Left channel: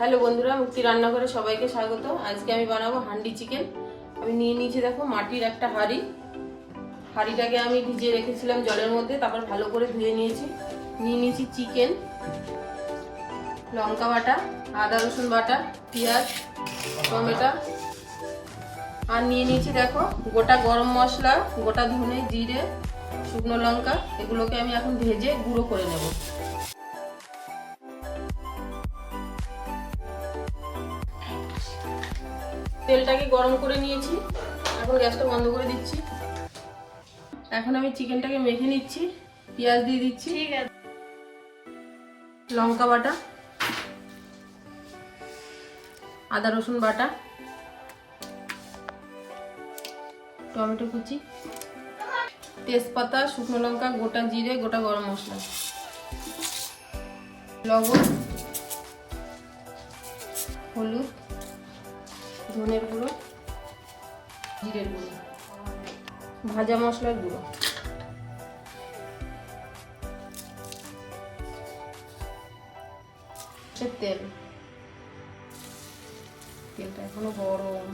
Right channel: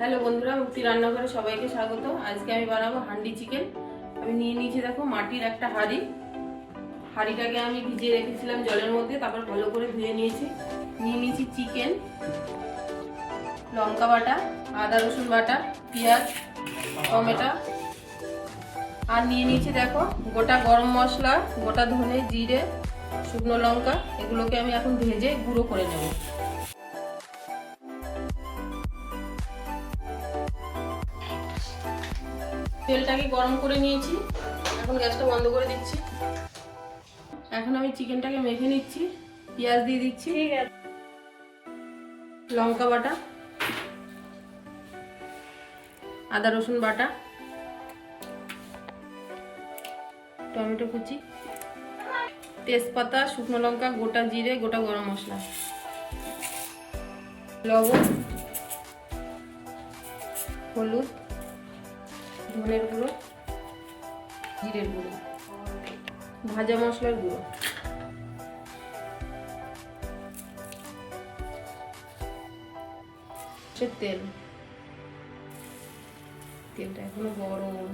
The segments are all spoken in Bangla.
হ্যালো বন্ধুরা মুক্তি রান্নাঘরে সবাইকে স্বাগত আজকে আমি বানাবো হান্ডি চিকেন। আমি নিয়ে নিয়েছি দেখো মাটির একটা হাঁড়ি। হাঁড়িটাকে আমি ভিজিয়ে রেখেছিলাম জলের মধ্যে, তারপর ভালো করে ধুয়ে নিয়েছি। নিয়ে নিয়েছি চিকেন, লঙ্কা বাটা, আদা রসুন বাটা, পেঁয়াজ, টমেটো। আর নিয়ে নিয়েছি দেখো গোটা গরম মশলা, গোটা ধনে, জিরে, শুকনো লঙ্কা। এগুলোকে আমি এখন ভেজে গুঁড়ো করে নেব। তেলটাকে গরম করে নিয়েছি। এখন গ্যাসটা বন্ধ করে দিচ্ছি। এখন আমি চিকেনটাকে মেখে নিচ্ছি। পেঁয়াজ দিয়ে দিচ্ছি। লঙ্কা বাটা। আদা রসুন বাটা। টমেটো কুচি। তেজপাতা শুকনো লঙ্কা গোটা জিরে গোটা গরম মশলা। লবণ। হলুদ। ধনের গুঁড়ো জিরের গুঁড়ো ভাজা মশলার গুঁড়ো। তেল। তেলটা এখনও গরম।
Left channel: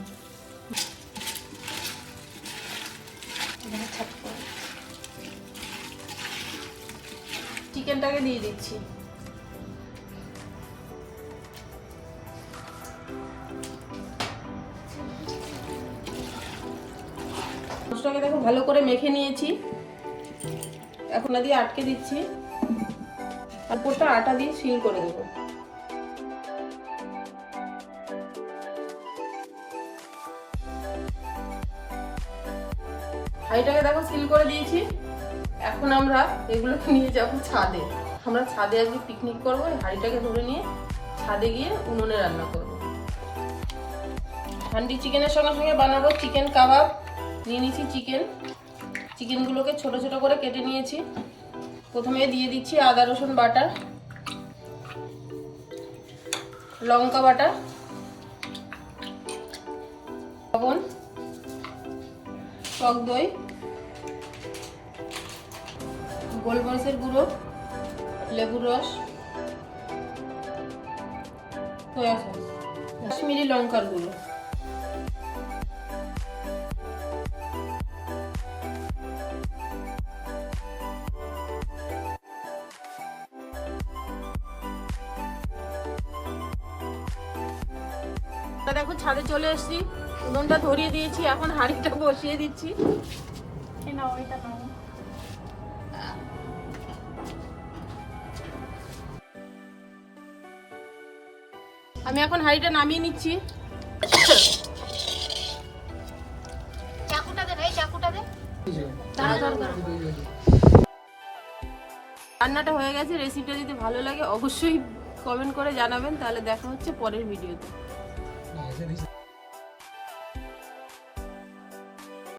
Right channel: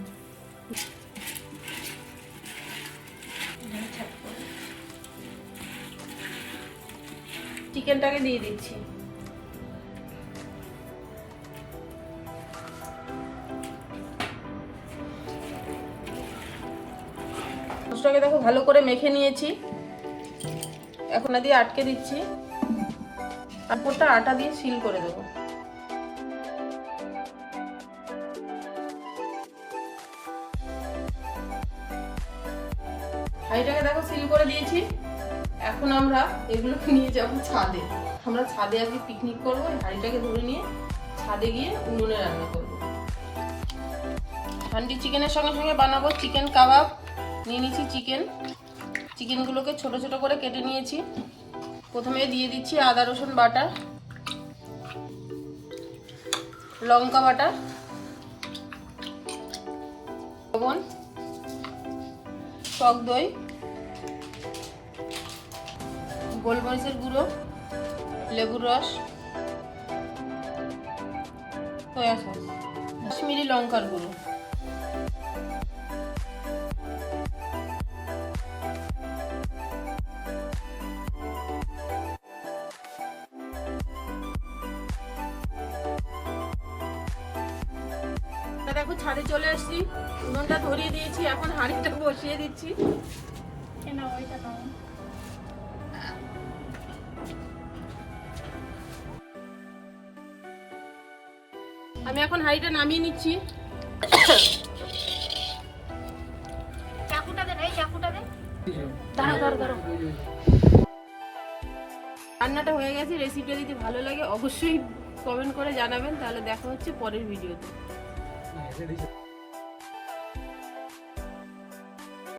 চিকেনটাকে দিয়ে দিচ্ছি। মাছটাকে দেখো ভালো করে মেখে নিয়েছি। এখন দিয়ে আটকে দিচ্ছি। তারপরটা আটা দিয়ে সিল করে দেবো। হাঁড়িটাকে দেখো সিল করে দিয়েছি। এখন আমরা এগুলোকে নিয়ে যাব ছাদে। আমরা ছাদে আজকে পিকনিক করব হাঁড়িটাকে ধরে নিয়ে ছাদে গিয়ে উনুনে রান্না করব। হান্ডি চিকেনের সঙ্গে সঙ্গে বানাবো চিকেন কাবাব নিয়ে নিয়েছি চিকেন। চিকেনগুলোকে ছোট ছোট করে কেটে নিয়েছি। প্রথমে দিয়ে দিচ্ছি আদা, রসুন বাটা, লঙ্কা বাটা, লবণ, টক দই, গোলমরিচের গুঁড়ো, লেবুর রস, সয়া সস কাশ্মীরি লঙ্কার গুঁড়ো। তা দেখো ছাদে চলে এসেছি। উনুনটা ধরিয়ে দিয়েছি এখন হাঁড়িটা বসিয়ে দিচ্ছি। নাও আমি এখন হাঁড়িটা নামিয়ে নিচ্ছি। রান্নাটা হয়ে গেছে রেসিপিটা যদি ভালো লাগে অবশ্যই কমেন্ট করে জানাবেন তাহলে দেখা হচ্ছে পরের ভিডিওতে 你还在那。